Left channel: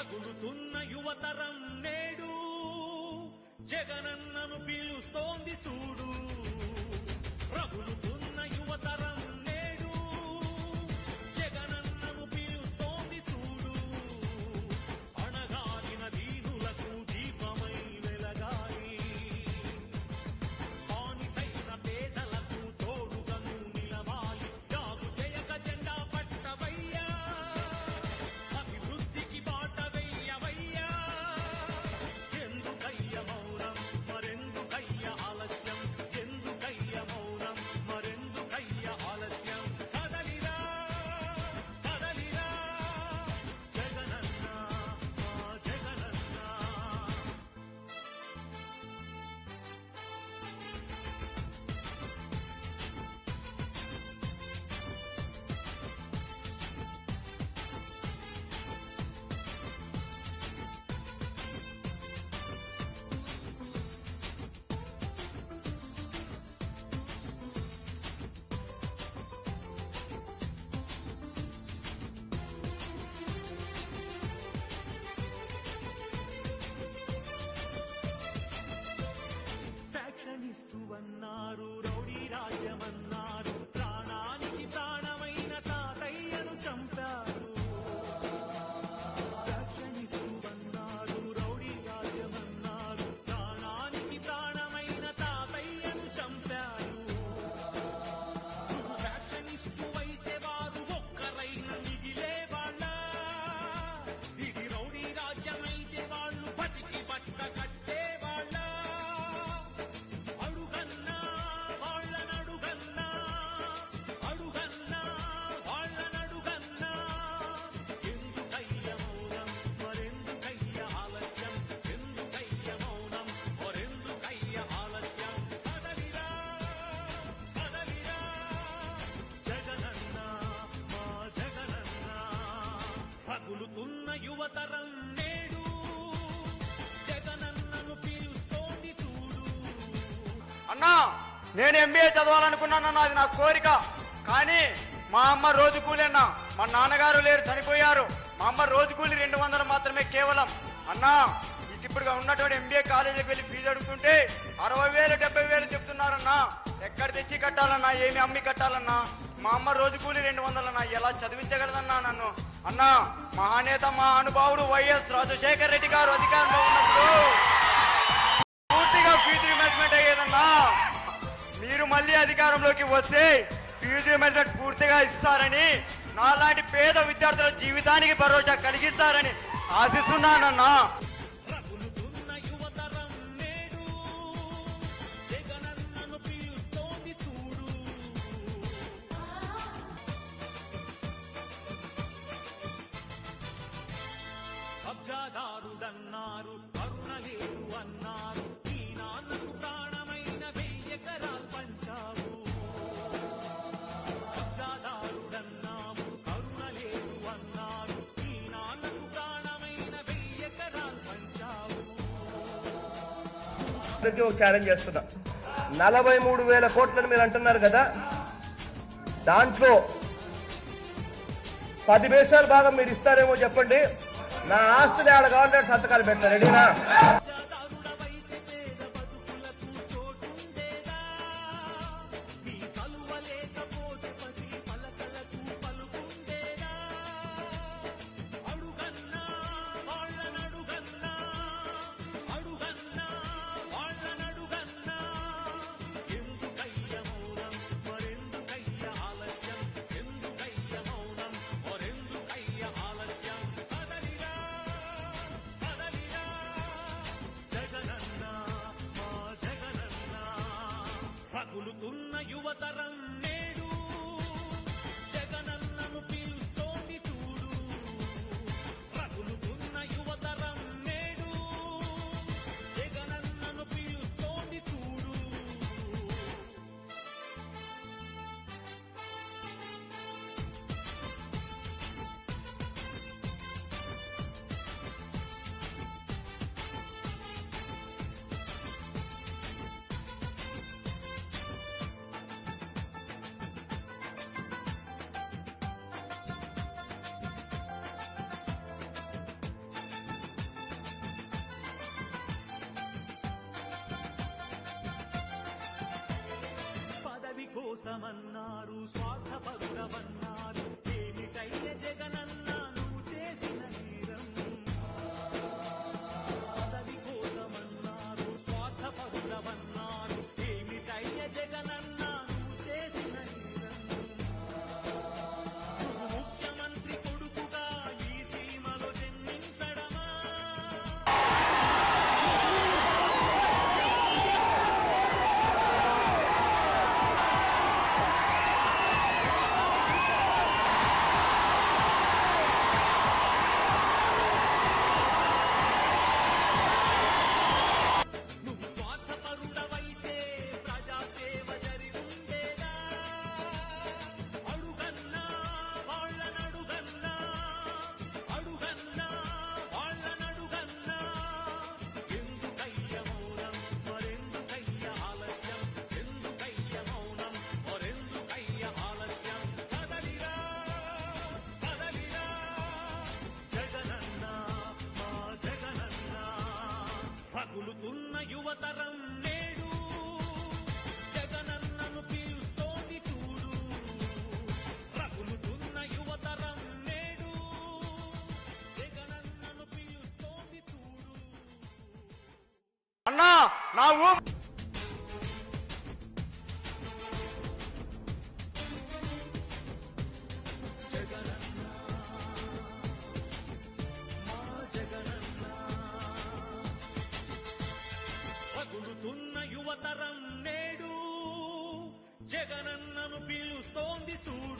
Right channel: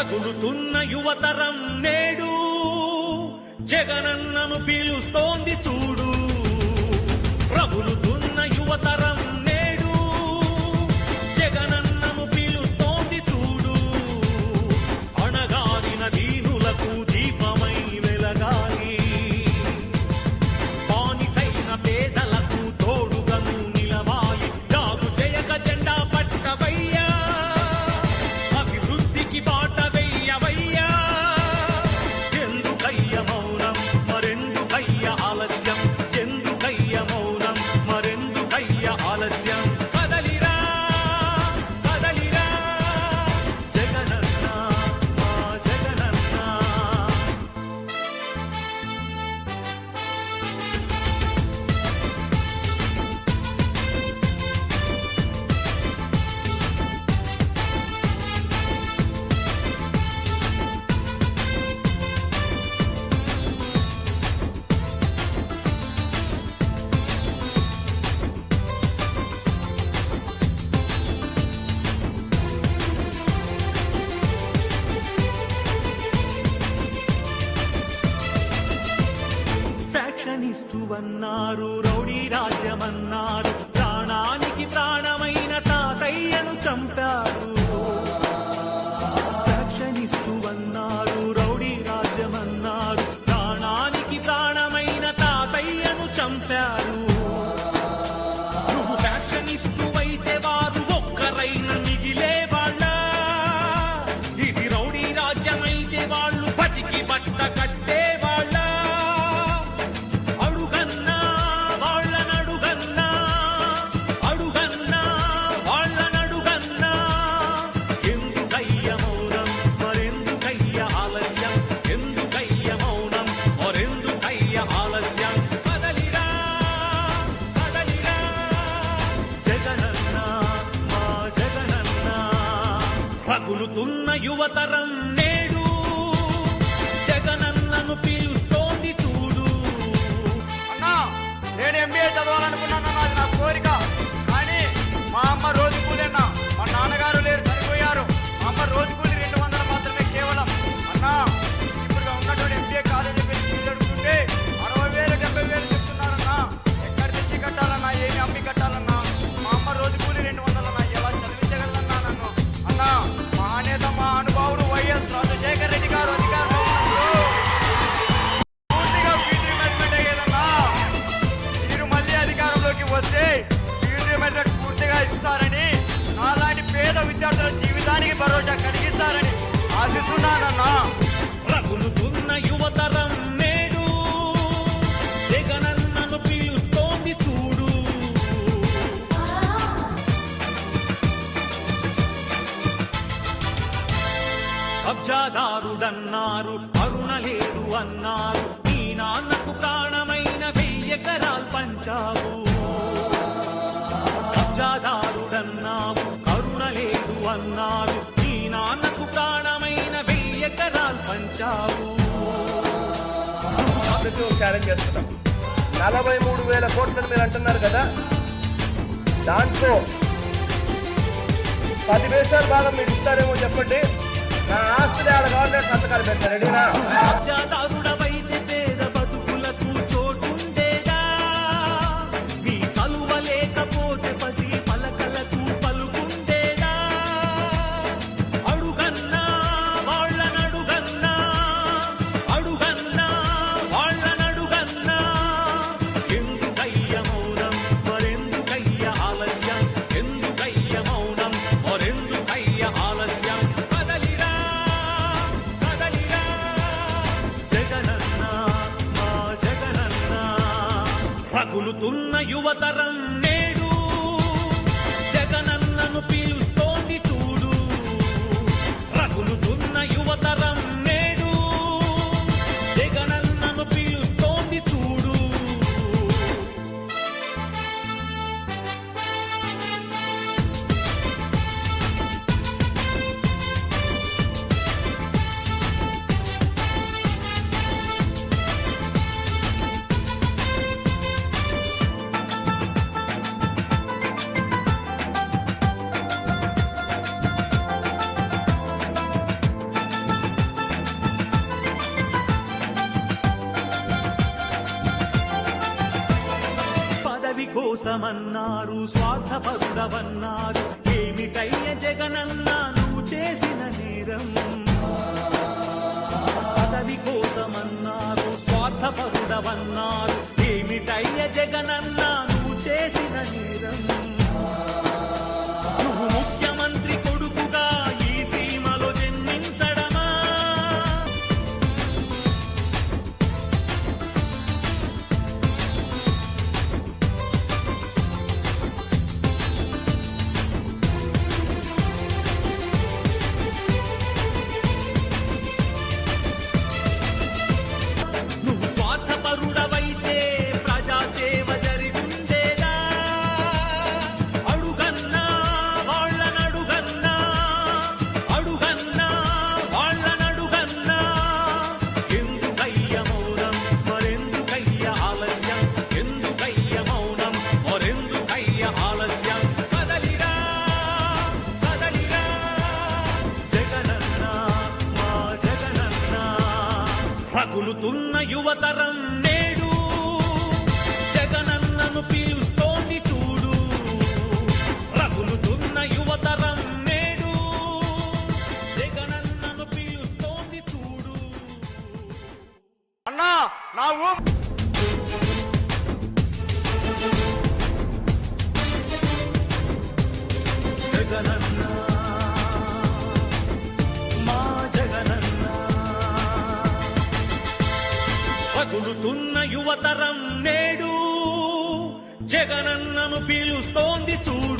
రగులుతున్న యువతరం నేడు జగనన్నను పీలుస్తోంది చూడు. రగులుతున్న యువతరం నేడు జగనన్నను పీలుస్తోంది చూడు. అణగారిన దీనులకు దీపమై వెలగాలి, బానిసైన పేదలకు తోడుగను నిలవాలి. జాగు చేయక జెండా పట్టవయ్యా, అభివృద్ధికి బాట వెయ్యవయ్యా. ఎందుకయ్య మౌనం మరెందుకయ్య ఆలస్యం, ఎందుకయ్య మౌనం మరెందుకయ్య ఆలస్యం. కదలిరా కదలిరా జగనన్న మా జగనన్న. ఫ్యాక్షనిస్టు అన్నారు, రౌడీ రాజ్యమన్నారు, ప్రాణానికి ప్రాణమైన తాతయ్యను చంపారు. ఫ్యాక్షనిస్టు అన్నారు, రౌడీ రాజ్యమన్నారు, ప్రాణానికి ప్రాణమైన తాతయ్యను చంపారు. నువ్వు ఫ్యాక్షనిస్టు అయితే వారు ఒక్కరైన మిగిలే వాళ్ళ. ఇది రౌడీ రాజ్యమైతే వాళ్ళు బతికి బట్ట కట్టే వాళ్ళ. అడుగన్నా వాళ్ళనడుగన్నా, అడుగన్నా వాళ్ళనడుగన్నా. ఎందుకయ్య మౌనం మరెందుకయ్య ఆలస్యం, ఎందుకయ్య మౌనం మరెందుకయ్య ఆలస్యం. కదలిరా కదలిరా జగనన్న మా జగనన్న. రగులుతున్న యువతరం నేడు జగనన్నను పీలుస్తోంది చూడు. అన్నా, నేను ఎంబీఏ చదవాలనుకున్నానన్నా, అది నా కోరిక. కానీ మా అమ్మ రోజు కూలీన్నా, మా నాన్నగారు లేరు, చనిపోయారు. మా అమ్మ రోజు కూలి 200 మాత్రమే కేవలం. అన్నా, ఇప్పుడు ఉన్నటువంటి ఎంబీఏ కాలేజీకి వెళ్ళి ఫీజు అడుగుతుంటే 60,000 70,000 చెప్తున్నారన్నా. ఎక్కడ తెచ్చి కట్టాలన్నా, ఏమి అమ్మి కట్టాలన్నా? మా అమ్మ రోజు కూలి 200 అన్నా, ఎలా చదివించగలదన్నా నన్ను? అన్నా, మహానేత మహానుభావుడు వైఎస్ రాజశేఖర రెడ్డి గారు అధికారంలో ఉన్నప్పుడు పూర్తిగా ఫీజు రీయింబర్స్మెంట్ అయ్యేదన్నా. మీరు మళ్ళీ అధికారంలోకి వస్తే ఫీజు రీయింబర్స్మెంట్ పూర్తిగా ఇస్తారని, నాలాంటి పేద విద్యార్థుల జీవితానికి భరోసా కలిగిస్తారని ఆశిస్తున్నానన్నా. రగులుతున్న యువతరం నేడు జగనన్నను పీలుస్తోంది చూడు. కబ్జాదారుడన్నారు, కరుణ లేదు అన్నారు, నీ నాన్నకు ప్రాణమైన 1000 ఎకరాలు పంచావు. కబ్జాదారుడన్నావు, కరుణ లేదు అన్నారు, నీ నాన్నకు ప్రాణమైన 1000 ఎకరాలు పంచావు. అందుకే ఒక ఛాలెంజ్ చేస్తున్నాం. 43,000 కోట్లని మీరు అంటున్నారు కదా, దాంట్లో 10 పైసలు భాగం మీరు ఇస్తారేమో చెప్పండి. నా ఆస్తులు ఆడ గవర్నమెంట్ సంతకాలు పెట్టారు. రెడీనా? కబ్జాదారుడవైతే పేద బతుకులకు చోటుండేదా? నీ చలువ లేకపోతే పసి పలకలకు పలుకుండేదా? అడుగన్నా వాళ్ళనడుగన్నా, అడుగన్నా వాళ్ళనడుగన్నా. ఎందుకయ్య మౌనం మరెందుకయ్య ఆలస్యం, ఎందుకయ్య మౌనం మరెందుకయ్య ఆలస్యం. కదలిరా కదలిరా జగనన్న మా జగనన్న. రగులుతున్న యువతరం నేడు జగనన్నను పీలుస్తోంది చూడు. రగులుతున్న యువతరం నేడు జగనన్నను పీలుస్తోంది చూడు. కోసమన్నారు స్వార్థపరుడవన్నారు ఏమిటయ్య జగనన్నా నువ్వు చేసిన నేరం పదవి కోసమన్నారు స్వార్థపరుడవన్నారు ఏమిటయ్య జగనన్నా నువ్వు చేసిన నేరం నువ్వు ముఖ్యమంత్రి కొడుకుగా ఈ సీమలో జన్మించడమా నువ్వు స్వార్థపరుడవైతే ప్రజాసేవ జరిగుండేదా అడుగన్నా వాళ్ళనడుగన్నా అడుగన్నా వాళ్ళనడుగన్నా ఎందుకయ్య మౌనం మరెందుకయ్య ఆలస్యం ఎందుకయ్య మౌనం మరెందుకయ్య ఆలస్యం కదలిరా కదలిరా జగనన్నా మా జగనన్నా రగులుతున్న యువతరం నేడు జగనన్నను పిలుస్తోంది చూడు రగులుతున్న యువతరం నేడు జగనన్నను పిలుస్తోంది చూడు అన్నా నా జగనన్న మా జగనన్న రగులుతున్న యువతరం నేడు జగనన్నను పిలుస్తోంది చూడు